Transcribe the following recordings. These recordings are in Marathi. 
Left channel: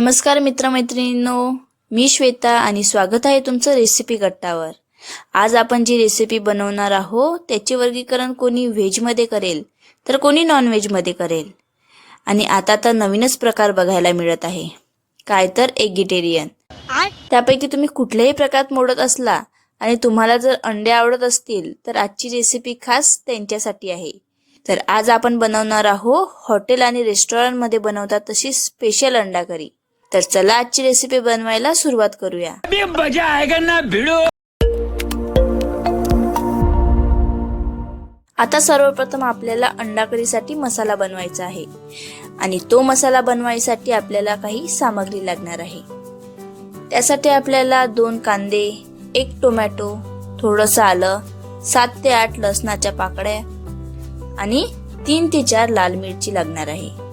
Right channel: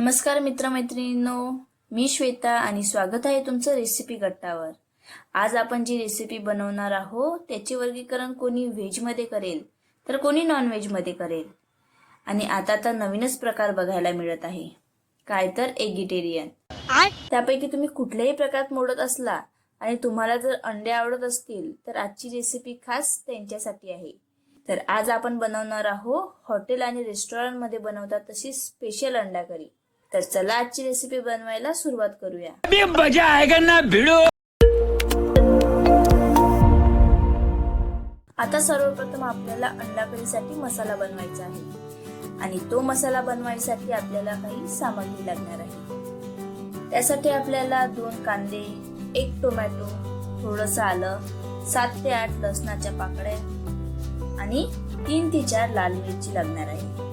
नमस्कार मित्रमैत्रिणींनो मी श्वेता आणि स्वागत आहे तुमचं रेसिपी गट्टावर. आज आपण जी रेसिपी बनवणार आहोत त्याचे वर्गीकरण कोणी व्हेजमध्ये करेल तर कोणी नॉनव्हेजमध्ये करेल. आणि आता तर नवीनच प्रकार बघायला मिळत आहे. काय तर एगिटेरियन त्यापैकी तुम्ही कुठल्याही प्रकारात मोडत असला आणि तुम्हाला जर अंडे आवडत असतील तर आजची रेसिपी खास त्यांच्यासाठी आहे. तर आज आपण बनवणार आहोत हॉटेल आणि रेस्टॉरंटमध्ये बनवतात तशी स्पेशल अंडा करी तर चला आजची रेसिपी बनवायला सुरुवात करूया. मजा आएगा ना भिड़ो. आता सर्वप्रथम आपल्याला अंडा करीसाठी मसाला बनवायचा आहे. आणि तो मसाला बनवायसाठी आपल्याला काही सामग्री लागणार आहे. त्यासाठी आपल्याला दोन कांदे एक टोमॅटो थोडंसं आलं सात ते आठ लसणाच्या पाकळ्या आणि तीन ते चार लाल मिरची लागणार आहे.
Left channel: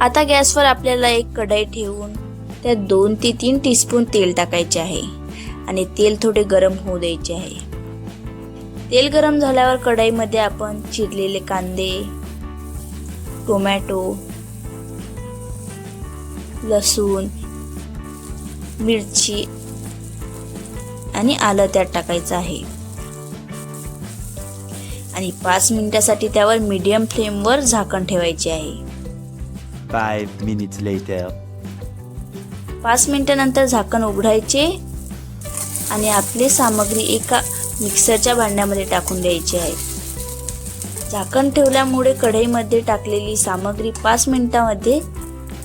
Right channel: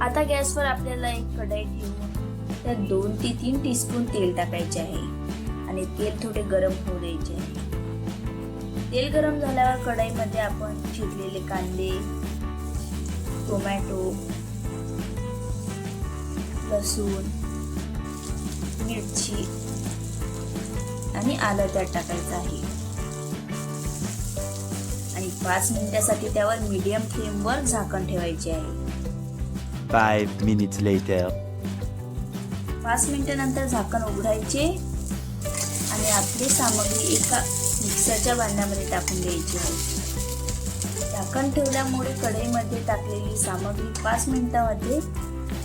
आता गॅसवर आपल्याला एक कढाई ठेवून त्यात दोन ते तीन टीस्पून तेल टाकायचे आहे आणि तेल थोडे गरम होऊ द्यायचे आहे. तेल गरम झाल्यावर कढाईमध्ये आपण चिरलेले कांदे टोमॅटो लसूण मिरची आणि आलं त्यात टाकायचं आहे. आणि पाच मिनिटासाठी त्यावर मीडियम फ्लेमवर झाकण ठेवायचे आहे. Five minutes later. पाच मिनिटानंतर झाकण उघडायचे आणि आपली सामग्री एका मिक्सरच्या भांड्यामध्ये टाकून द्यायची आहे. झाकण ठेवल्यामुळे कढईमध्ये टाकलेली सामग्री पाच मिनिटामध्ये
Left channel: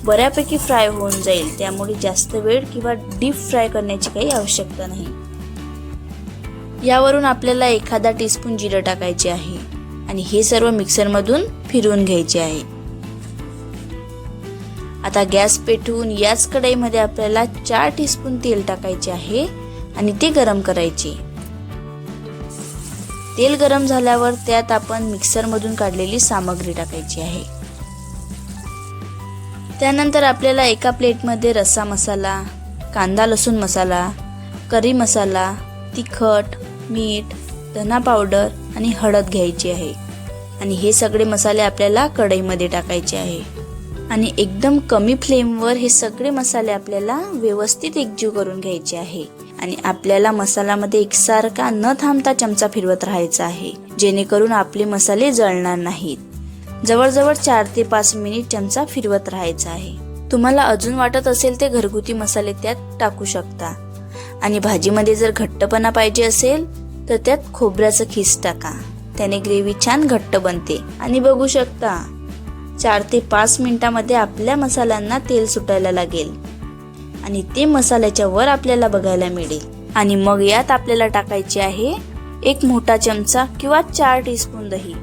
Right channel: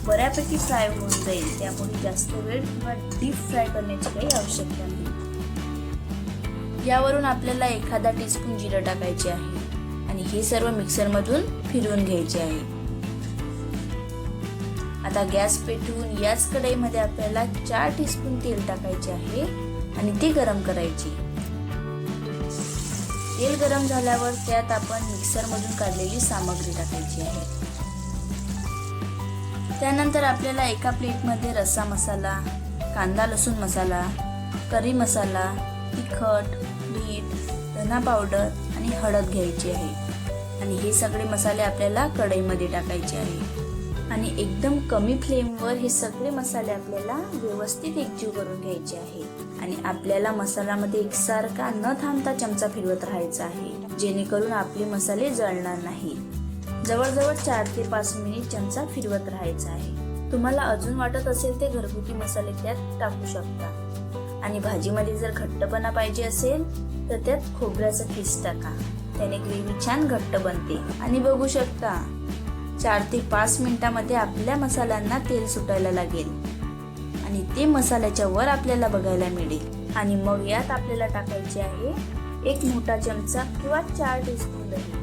बऱ्यापैकी फ्राय होऊन जाईल. त्यामुळे जास्त वेळ किंवा डीप फ्राय करण्याची काही आवश्यकता नाही. यावरून आपल्याला एखादा टीस्पून जिरं टाकायचे आहे आणि हे सर्व मिक्सरमधून फिरवून घ्यायचे आहे. आता गॅस पेटवून याच कढईमध्ये आपल्याला चार टीस्पून तेल टाकायचे आहे आणि ते गरम करायचे. तेल गरम झाल्यावर त्यात आपण मिक्सरमधून काढलेली सामग्री टाकायची आहे. त्यानंतर आपल्याला एका प्लेटमध्ये रस्सा मसाला कांदा लसूण मसाला करी मसाला तिखट मीठ धना पावडर आणि हळद घ्यायची आहे. आणि हे सगळे मसाले आपल्याला कढईमध्ये टाकायचे आहे. आणि एकदम कमी फ्लेमवर हे सगळे मसाले आपल्याला व्यवस्थित एकजीव करून घ्यायचे आहे. आणि आपल्याला मसाल्यामध्ये एकसारखा न थांबता चमचा फिरवत राहायचा आहे जेणेकरून आपले मसाले जळणार नाहीत. जवळजवळ चार ते पाच मिनिट चमचा फिरवत राहायचा आहे. तुम्हाला अजून वाटत असेल ते घरगुती मसाले त्यात टाकू शकता. आणि भाजीमध्ये जर घट्टपणा पाहिजे असेल तर त्यात खोबऱ्याचं खीस टाका. त्याने ग्रेव्ही छान घट्ट बनते. आणि बघू शकता चार ते पाच मिनिटामध्ये आपल्या मसाल्यांना तेल सुटायला लागेल. आणि ते मसाल्याच्या वर आपल्याला बघायला मिळेल. आणि मग यात आपल्याला टाकायचे आहे एक मोठा चमचा किंवा चार टीस्पून दही.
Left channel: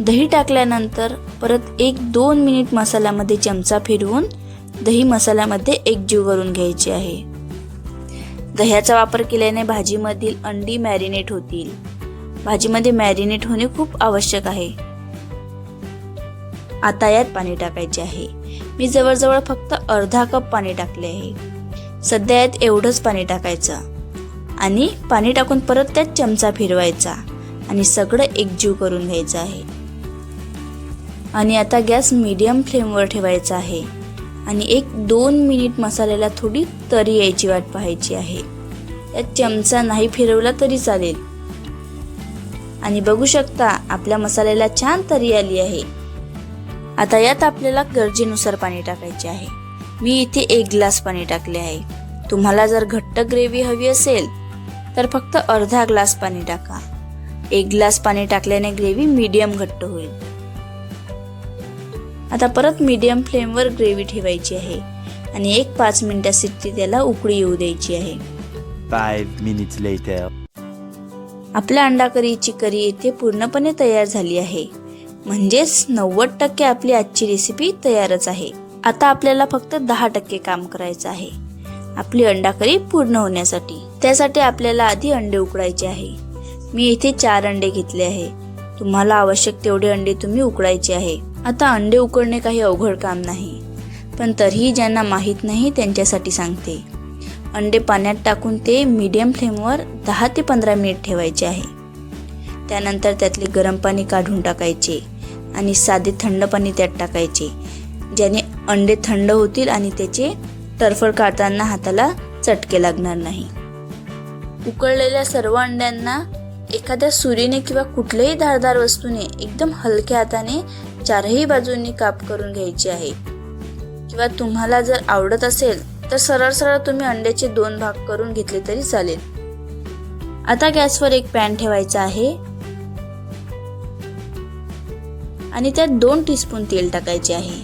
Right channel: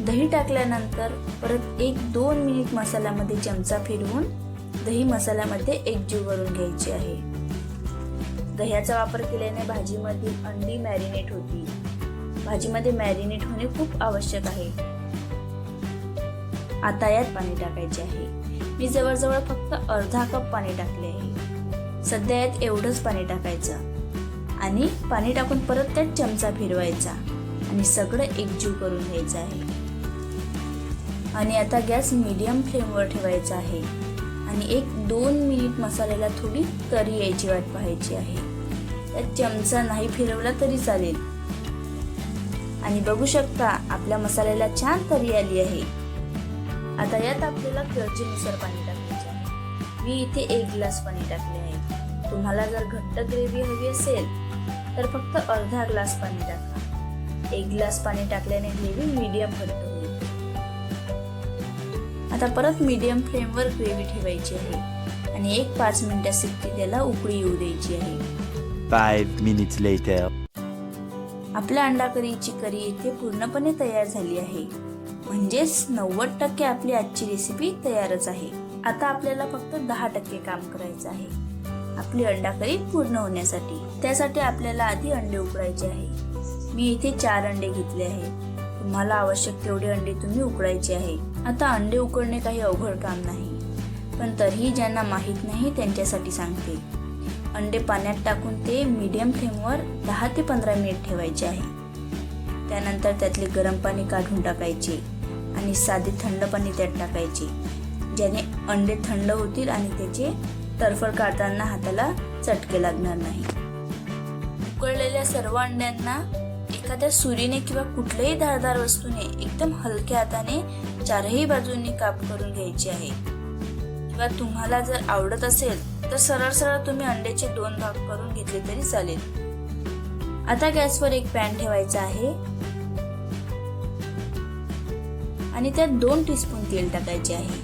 दही टाकल्यानंतर परत एक दोन मिनिट मसाल्यामध्ये चमचा फिरवून दही मसाल्यामध्ये एकजीव करून घ्यायचे आहे. दह्याचा वापर केल्याने भाजीमधील अंडी मॅरिनेट होतील. भाजीमध्ये मॅरिनेट होणे खूप आवश्यक आहे. आता यात पाणी टाकायचे आहे. मी जवळजवळ फक्त अर्धा कप पाणी टाकले आहे. सध्या यात एवढंच पाणी टाकायचं. आणि पाणी टाकून परत त्यात चमचा फिरवायचा. आणि सगळं एकजीव करून घ्यायचं आहे. आणि आता गॅस मीडियम फ्लेमवर ठेवायचा आहे. आणि एक दोन मिनिट मसाल्याला थोडी तरी यायची वाट पाहायची आहे. त्यात चमचा नाही फिरवला तरी चालेल. आणि बघू शकता आपल्या मसाल्याला छान तरी आली आहे. आता यात आपल्याला गरजेनुसार पाणी टाकायचे आहे. मी इथे एक ग्लास पाणी टाकले आहे. तुम्हाला जर घट्ट ग्रेव्ही हवी असेल तर फक्त अर्धा ग्लास पाणी टाका. एक ग्लास पाणी टाकल्याने ग्रेव्ही मीडियम घट्ट होईल. आता परत मीडियम फ्लेमवर ग्रेव्ही ठेवायची आहे आणि एक पाच मिनिटासाठी त्याला उकळी येऊ द्यायची आहे. आपल्या अंडा करीची करी इथे पूर्णपणे तयार झाली आहे. म्हणजेच नव्वद टक्के आपली आजची रेसिपी तयारच आहे. आता आपल्याला फक्त दहा टक्के काम करायचं आहे. आपली अंडा करी पूर्ण होण्यासाठी. त्यासाठी आपल्याला आधी अंडे उकडायचे आहे. मी इथे चार अंडे घेतले आहे. तुम्हाला आवश्यक तेवढे अंडे तुम्ही उकडायचे आहे. आता अंडे उकडणे काही अवघड काम नाही. पण तरीही ज्यांना माहीत नाही त्यांच्यासाठी सांगते. अंडे पाण्यात टाकून ते मीडियम फ्लेमवर दहा ते पंधरा मिनिट ठेवायचे आहे. त्यानंतर त्यातले गरम पाणी काढून टाकायचे. आणि साधे थंड पाणी त्यात टाकायचे ज्याने अंडे थंड होतील आणि त्याचे टरफड काढताना हाताला चटके लागणार नाही. उकळलेल्या सर्व अंड्यांना एखाद्या सुरीने किंवा कुठल्याही धारदार वस्तूने एकदम हलक्या हाताने चारही बाजूंनी काप करून घ्यायची आहे. किंवा तुम्हाला जर आवडत असेल तर सरळ सरळ तुम्ही अंड्याचे दोन भाग करून घेतले तरी चालेल. आता गॅसवर एक पॅन ठेवायचा आहे. आणि त्यात दोन टीस्पून तेल टाकायचे आहे.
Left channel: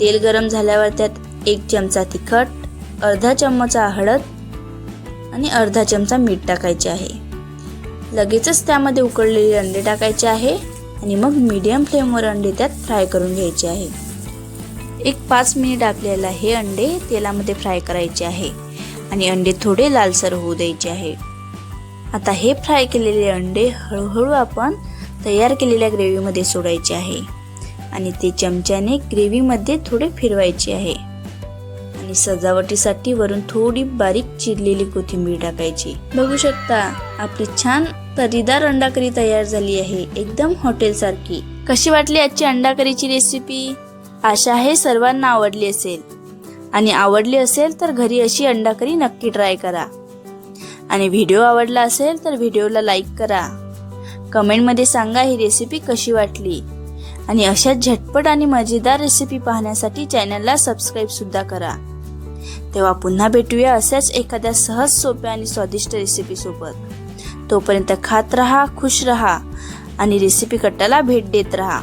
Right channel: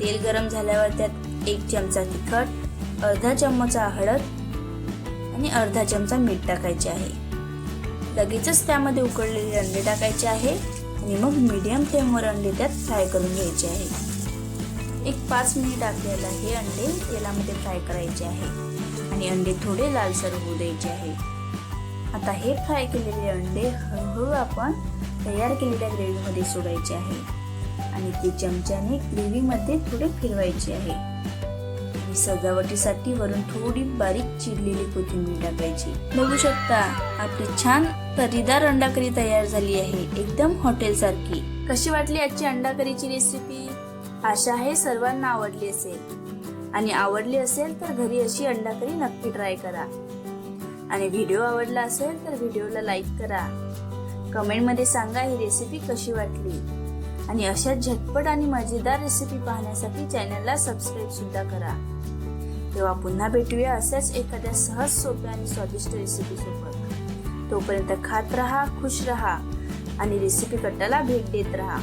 तेल गरम झाल्यावर त्यात एक चमचा तिखट अर्धा चमचा हळद आणि अर्धा चमचा मीठ टाकायचे आहे. लगेचच त्यामध्ये उकळलेले अंडे टाकायचे आहे आणि मग मीडियम फ्लेमवर अंडे त्यात फ्राय करून घ्यायचे आहे. एक पाच मिनिट आपल्याला हे अंडे तेलामध्ये फ्राय करायचे आहे आणि अंडे थोडे लालसर होऊ द्यायचे आहे. आता हे फ्राय केलेले अंडे हळूहळू आपण तयार केलेल्या ग्रेव्हीमध्ये सोडायचे आहे. आणि ते चमच्याने ग्रेव्हीमध्ये थोडे फिरवायचे आहे. आणि सजावटीसाठी वरून थोडी बारीक चिरलेली कोथिंबीर टाकायची. बघू शकता आपली छान तरीदार अंडाकरी तयार झाली आहे. एकदम हॉटेलसारखी. कशी वाटली आजची अंडाकरीची रेसिपी आशा आहे सर्वांना आवडली असेल. आणि आवडली असेल तर घरी अशी अंडाकरी नक्की ट्राय करा. आणि व्हिडिओ आवडला असेल तर व्हिडिओला लाईक करा. कमेंटमध्ये सांगा ही रेसिपी कशी वाटली. आणि अशाच झटपट आणि मजेदार रेसिपी पाहण्यासाठी चॅनलला सबस्क्राईब सुद्धा करा. तेव्हा पुन्हा भेटूया अशाच एखाद्या सहज सोप्या आणि स्वादिष्ट रेसिपीसोबत तोपर्यंत खात रहा खुश रहा आणि रेसिपी कट्टाला भेट देत रहा.